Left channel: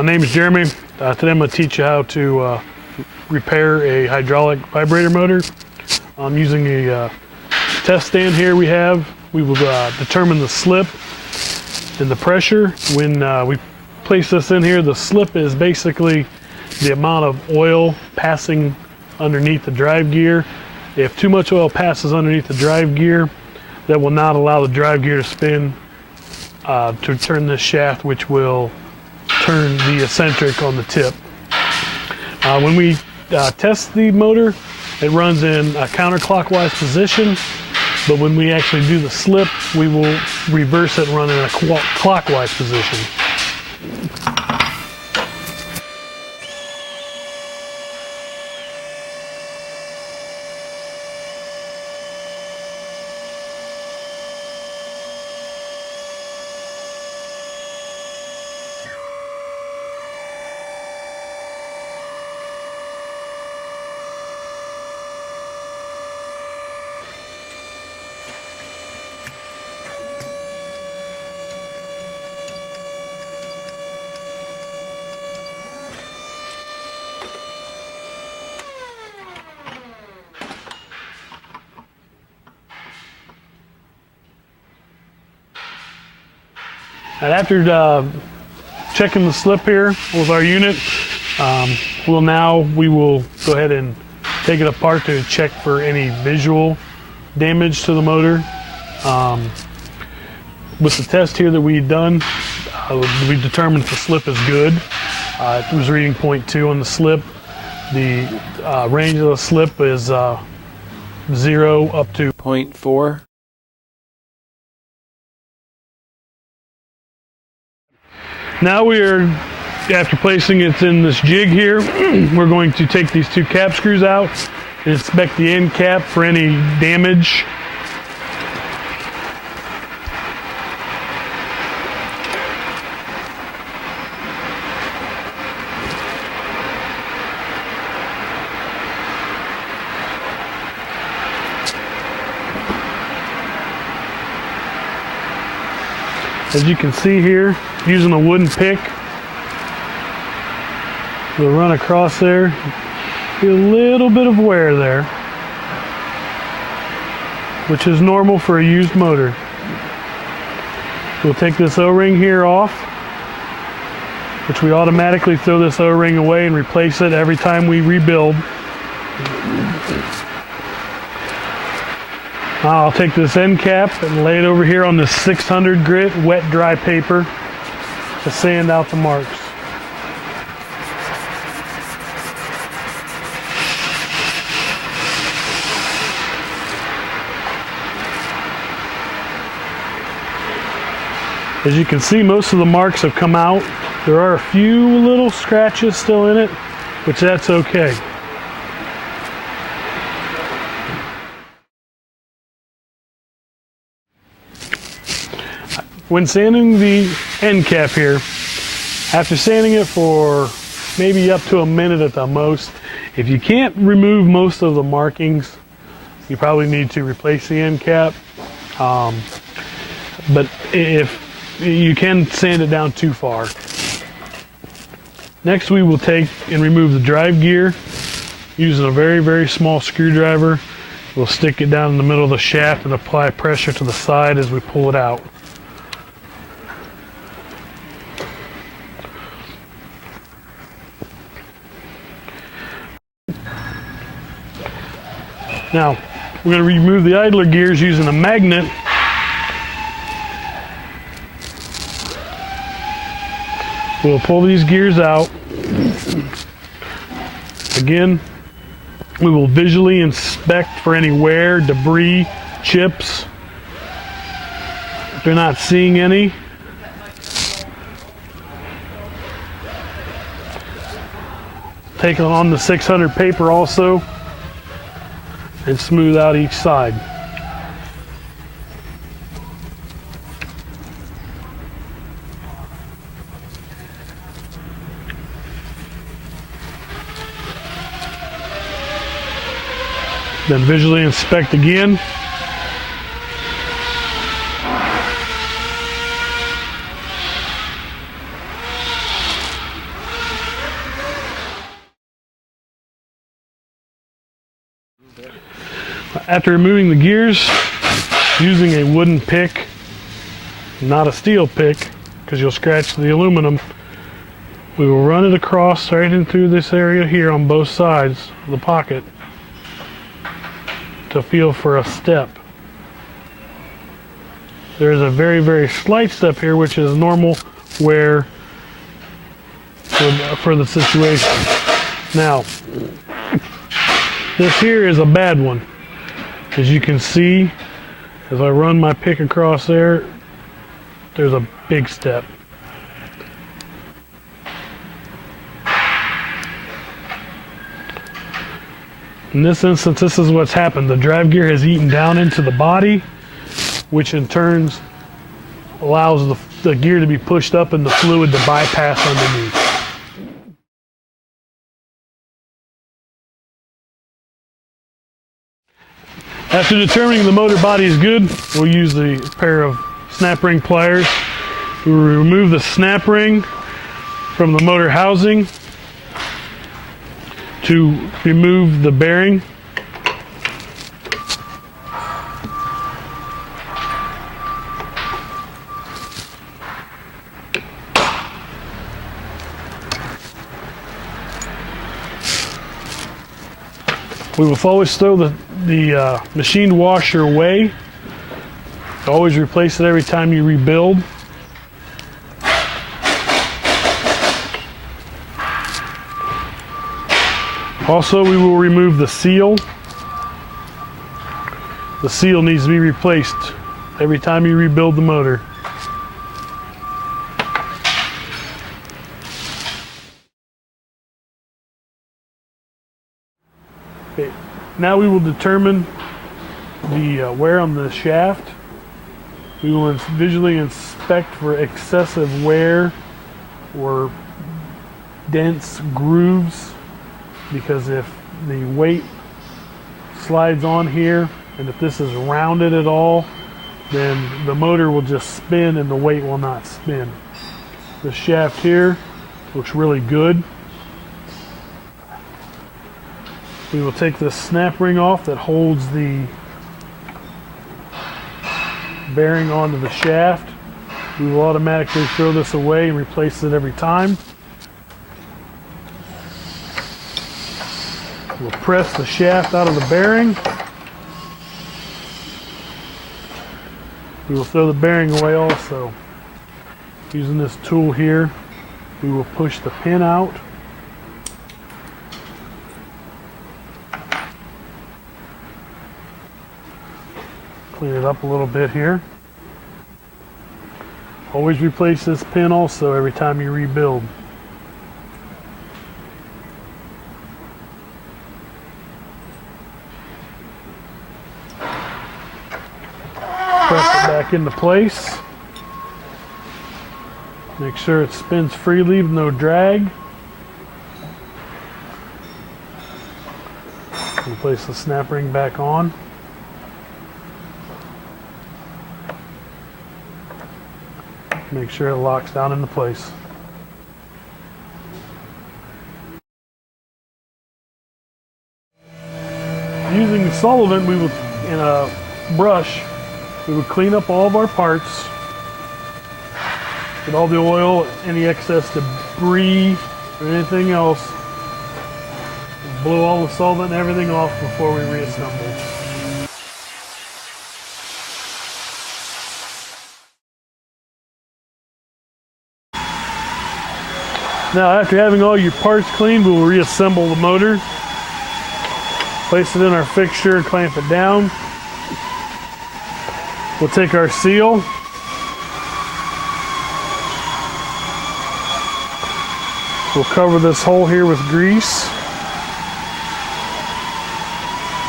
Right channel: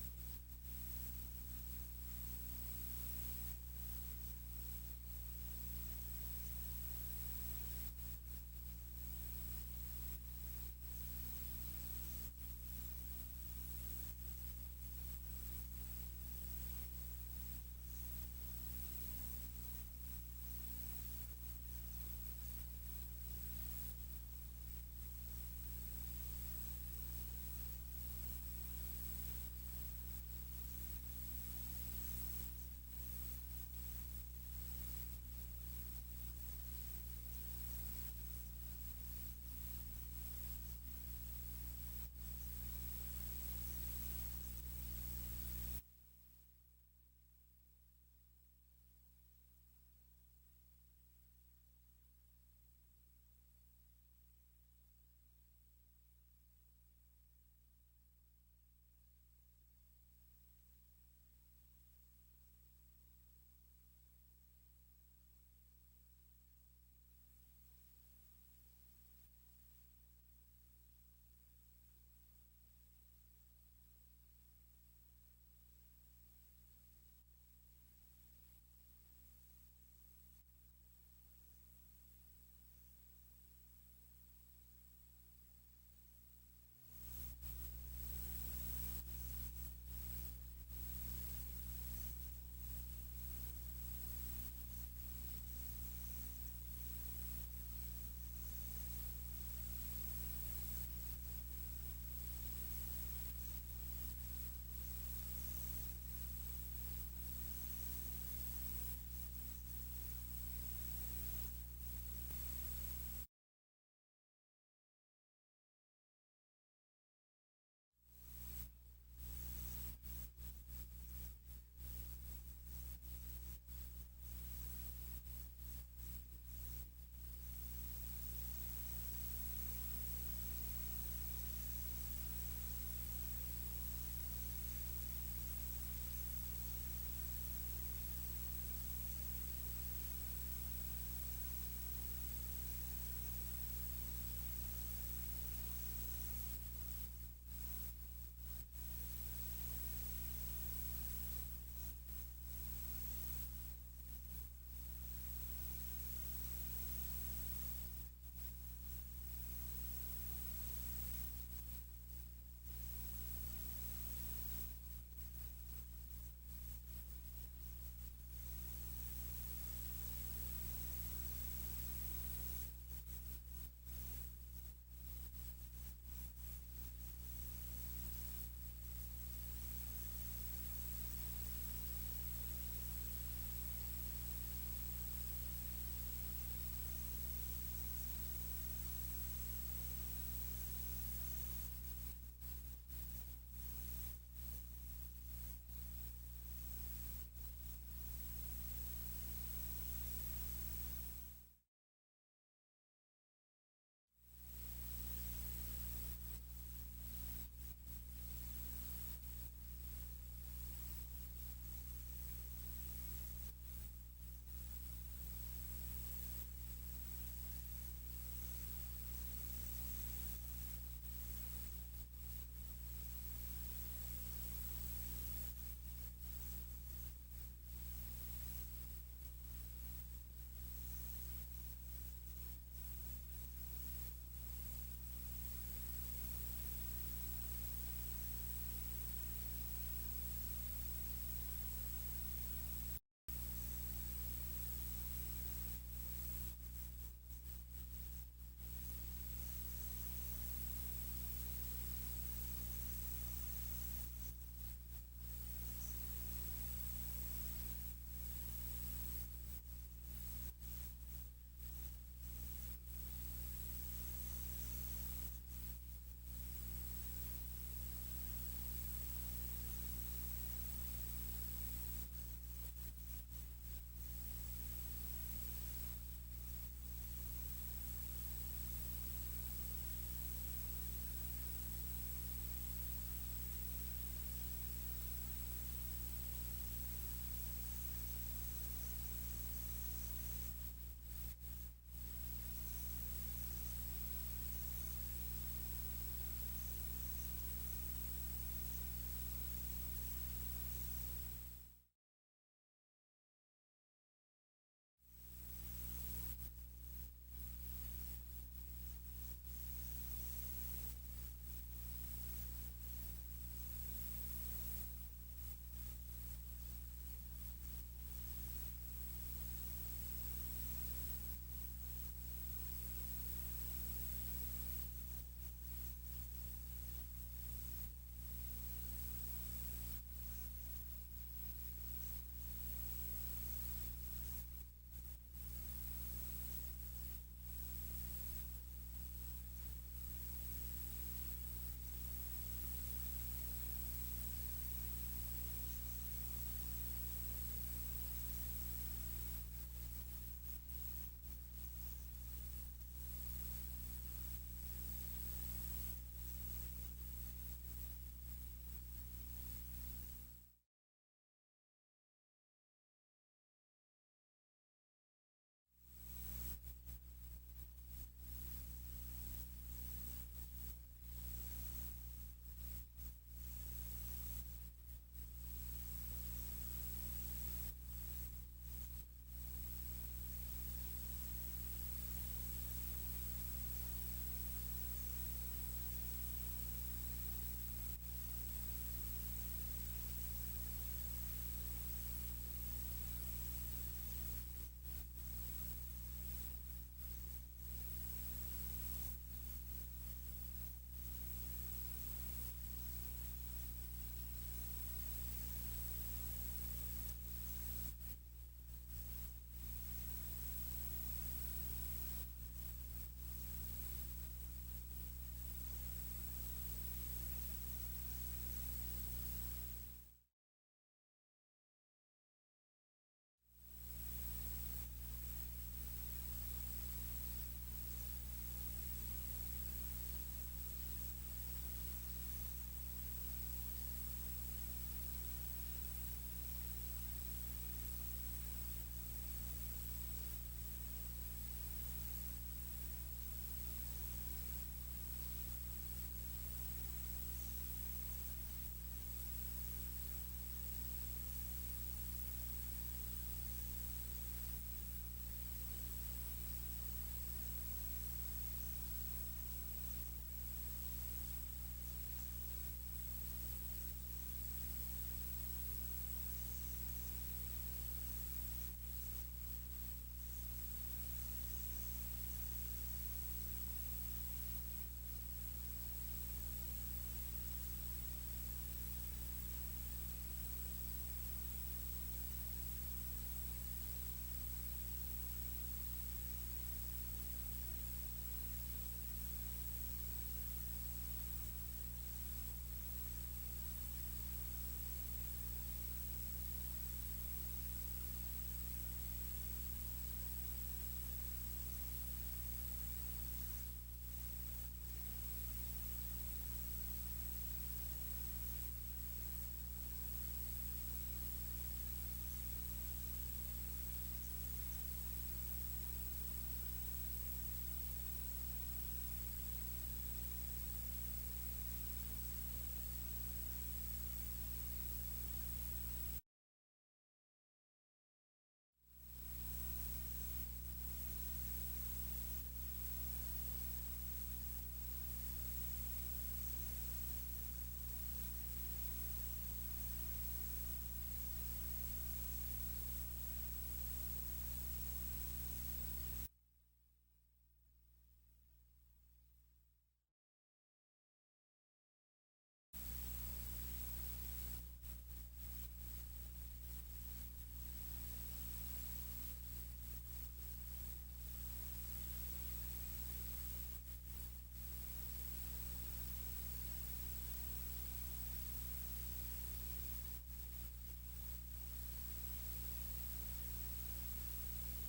My name is Jeremy. Today I'm going to teach you how to repair a hydraulic vibrator motor. I'm using a test stand here we will determine the slip and the pressure. When we place this in here, the slip is basically the amount of oil passing underneath the drive gear. If too much oil passes underneath the drive gear, that will not allow the drive gear to spin to turn this shaft, which will turn the eccentric on the tip. When we test the motor, it runs in a counterclockwise position, but when we actually do the slip, we will reverse it and run in a clockwise position. And after checking the slip here with our unit, we will go ahead and take it apart to check for any visual damage to the motor. With the test here that we've done, we determined the slip is good. It was reading 0.2 on the slip. The range of the slip is 0 up to 0.4. Now after placing it in this jig here, we're going to take these two cap screws out and inspect the end cap for any damage. As you can see here, using a wooden pick, we'll run across there. See a little bit of wear there, which is normal for a used motor. We'll take this O-ring here off, which we automatically throw this O-ring away and replace it every time we rebuild. I'll take this end cap and lay it over here on this 600 grit wet dry paper to sand out the marks. As you can see, most of the marks have come out. There are a few little scratches still in it, which that's okay. When sanding the end cap here, after sanding it for maybe up to a minute at the most, if you can't remove most of the markings, you probably need to replace the end cap. But if you can sand it down too far. Next, we will take and remove the drive gear using a very, very small screwdriver. We'll stick it down in the middle of the shaft and apply pressure to the side as we pull it out. Now, we're going to remove the idler gears using a magnet. We'll pull these gears out. Again, we will visually inspect for any wear, debris, chips. If they're not seeing any, take it on the 600 paper also and smooth out each side. Then visually inspect again. After removing the gears, using a wooden pick, not a steel pick, because you'll scratch the aluminum, we will run it across right in through this area here on both sides of the pocket to feel for a step. There is a very, very slight step here, which is normal wear for the situation. Now, this here is a bad one. As you can see, as I run my pick across there, there's a big step. In this instance, this is what's happened. The drive gear has eaten down into the body, which in turn allows the gear to be pushed up and the fluid to bypass underneath. After determining the motor body is good, we'll use the pair of snap ring pliers. We will remove the snap ring from the motor housing to remove the bearing. We will always throw the machined washer away. Always replace it every time you rebuild. Also, we will remove the seal. The seal needs to be replaced every time you rebuild the motor. Okay, now we will determine the wear on the shaft. We will visually inspect for excessive wear or dense grooves, because if the weight slides on here and if this is rounded at all, then the motor will just spin and the weight will not spin. The shaft here looks really good. We will take this snap ring off that holds the bearing onto the shaft. We will automatically throw this away and replace it every time. We'll press the shaft out of the bearing. We will throw the bearing away also. Using this tool here, we will push the pin out. Clean it up a little bit here. Always replace this pin also every time you rebuild. Press it back into place. Make sure it spins freely with no drag. And place the snap ring back on. Make sure it locks down into place. Using the solvent, we would, in a brush, we would clean up all of our parts, get all the oil, any excess debris or anything else, blow all the solvent and everything off before we reassemble. Now, after having all your parts cleaned, we will reassemble the motor. Place it in our fixture and clamp it down. We'll take our seal. We'll cover this hole here with grease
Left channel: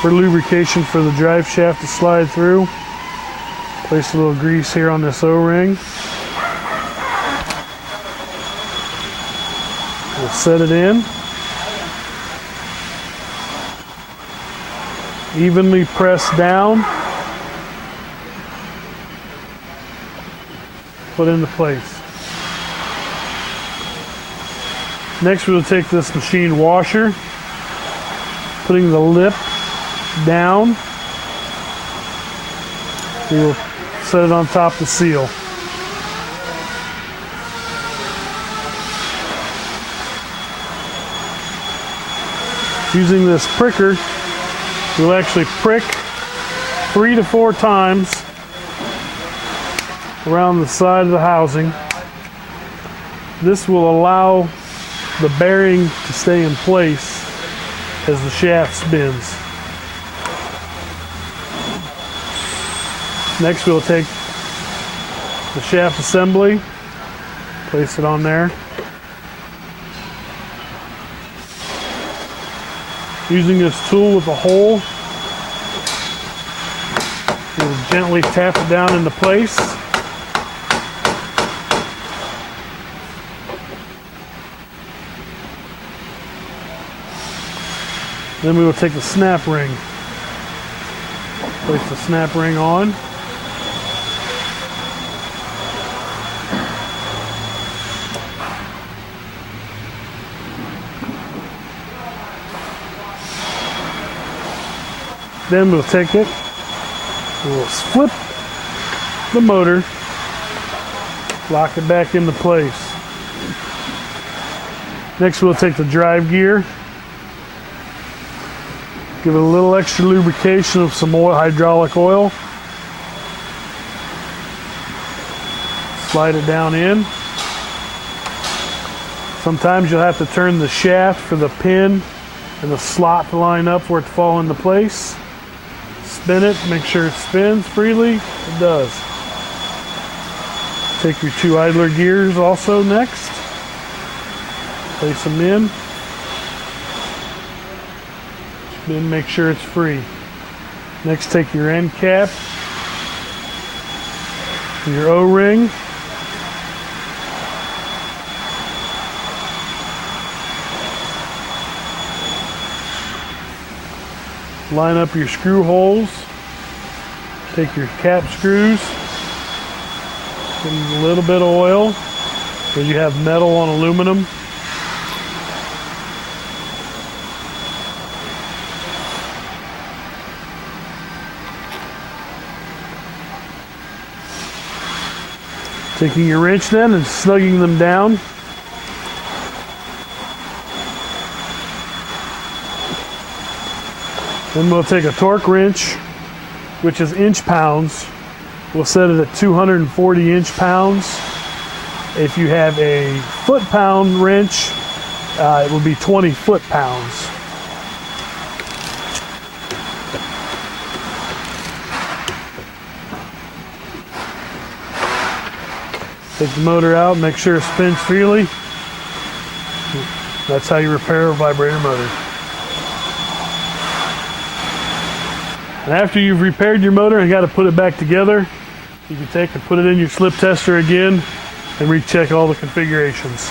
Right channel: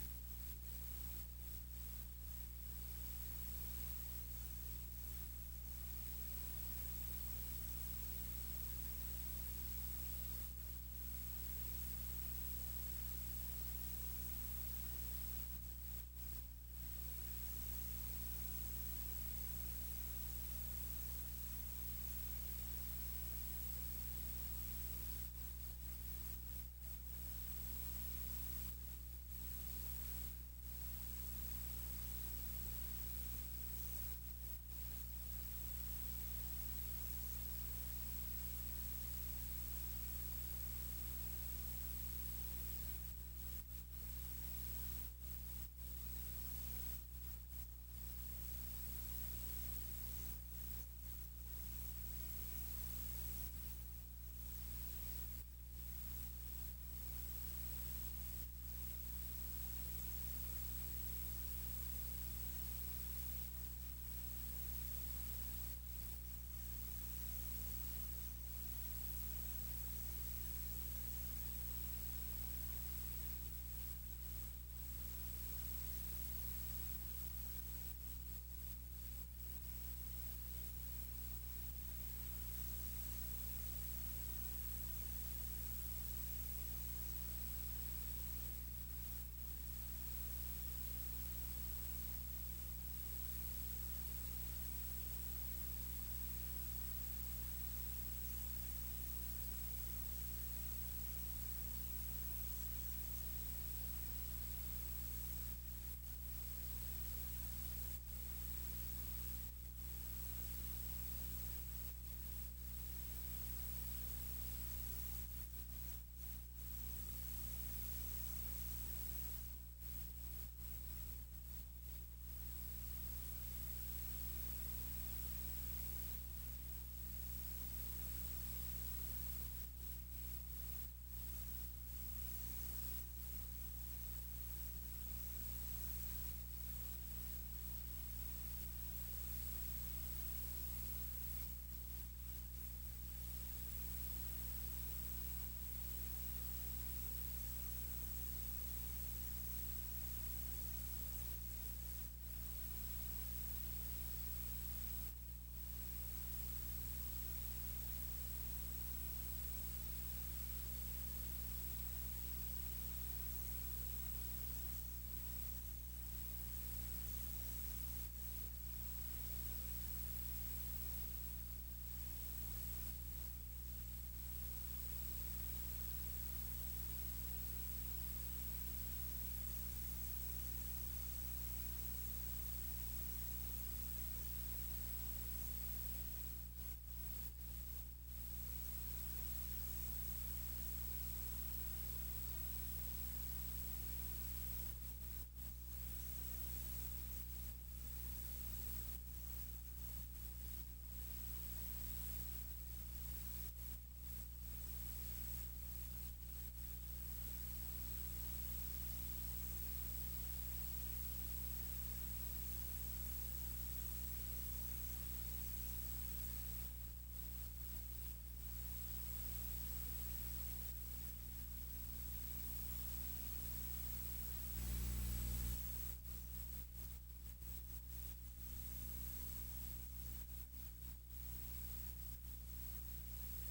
for lubrication for the drive shaft to slide through. Place a little grease here on this O-ring. We'll set it in. Evenly press down. Put into place. Next, we'll take this machined washer, putting the lip down We will set it on top to seal. Using this pricker, we'll actually prick 3 to 4 times around the side of the housing. This will allow the bearing to stay in place as the shaft spins. Next, we'll take the shaft assembly, place it on there. Using this tool with a hole, we'll gently tap it down into place. Then we will take the snap ring, place the snap ring on. Then we'll take it, we'll flip the motor, lock it back into place. Next we'll take the drive gear, give it a little extra lubrication of some oil, hydraulic oil. Slide it down in. Sometimes you'll have to turn the shaft for the pin and the slot to line up for it to fall into place. Spin it, make sure it spins freely. It does. Take your 2 idler gears also next. Place them in. Then make sure it's free. Next, take your end cap, your O-ring, line up your screw holes, take your cap screws, give them a little bit of oil because you have metal on aluminum. Taking your wrench then and snugging them down. Then we'll take a torque wrench, which is inch pounds. We'll set it at 240 inch pounds. If you have a foot-pound wrench, it will be 20 foot-pounds. Take the motor out, make sure it spins freely. That's how you repair a vibrator motor. And after you've repaired your motor and got to put it back together, you can take and put it in your slip tester again and recheck all the configurations.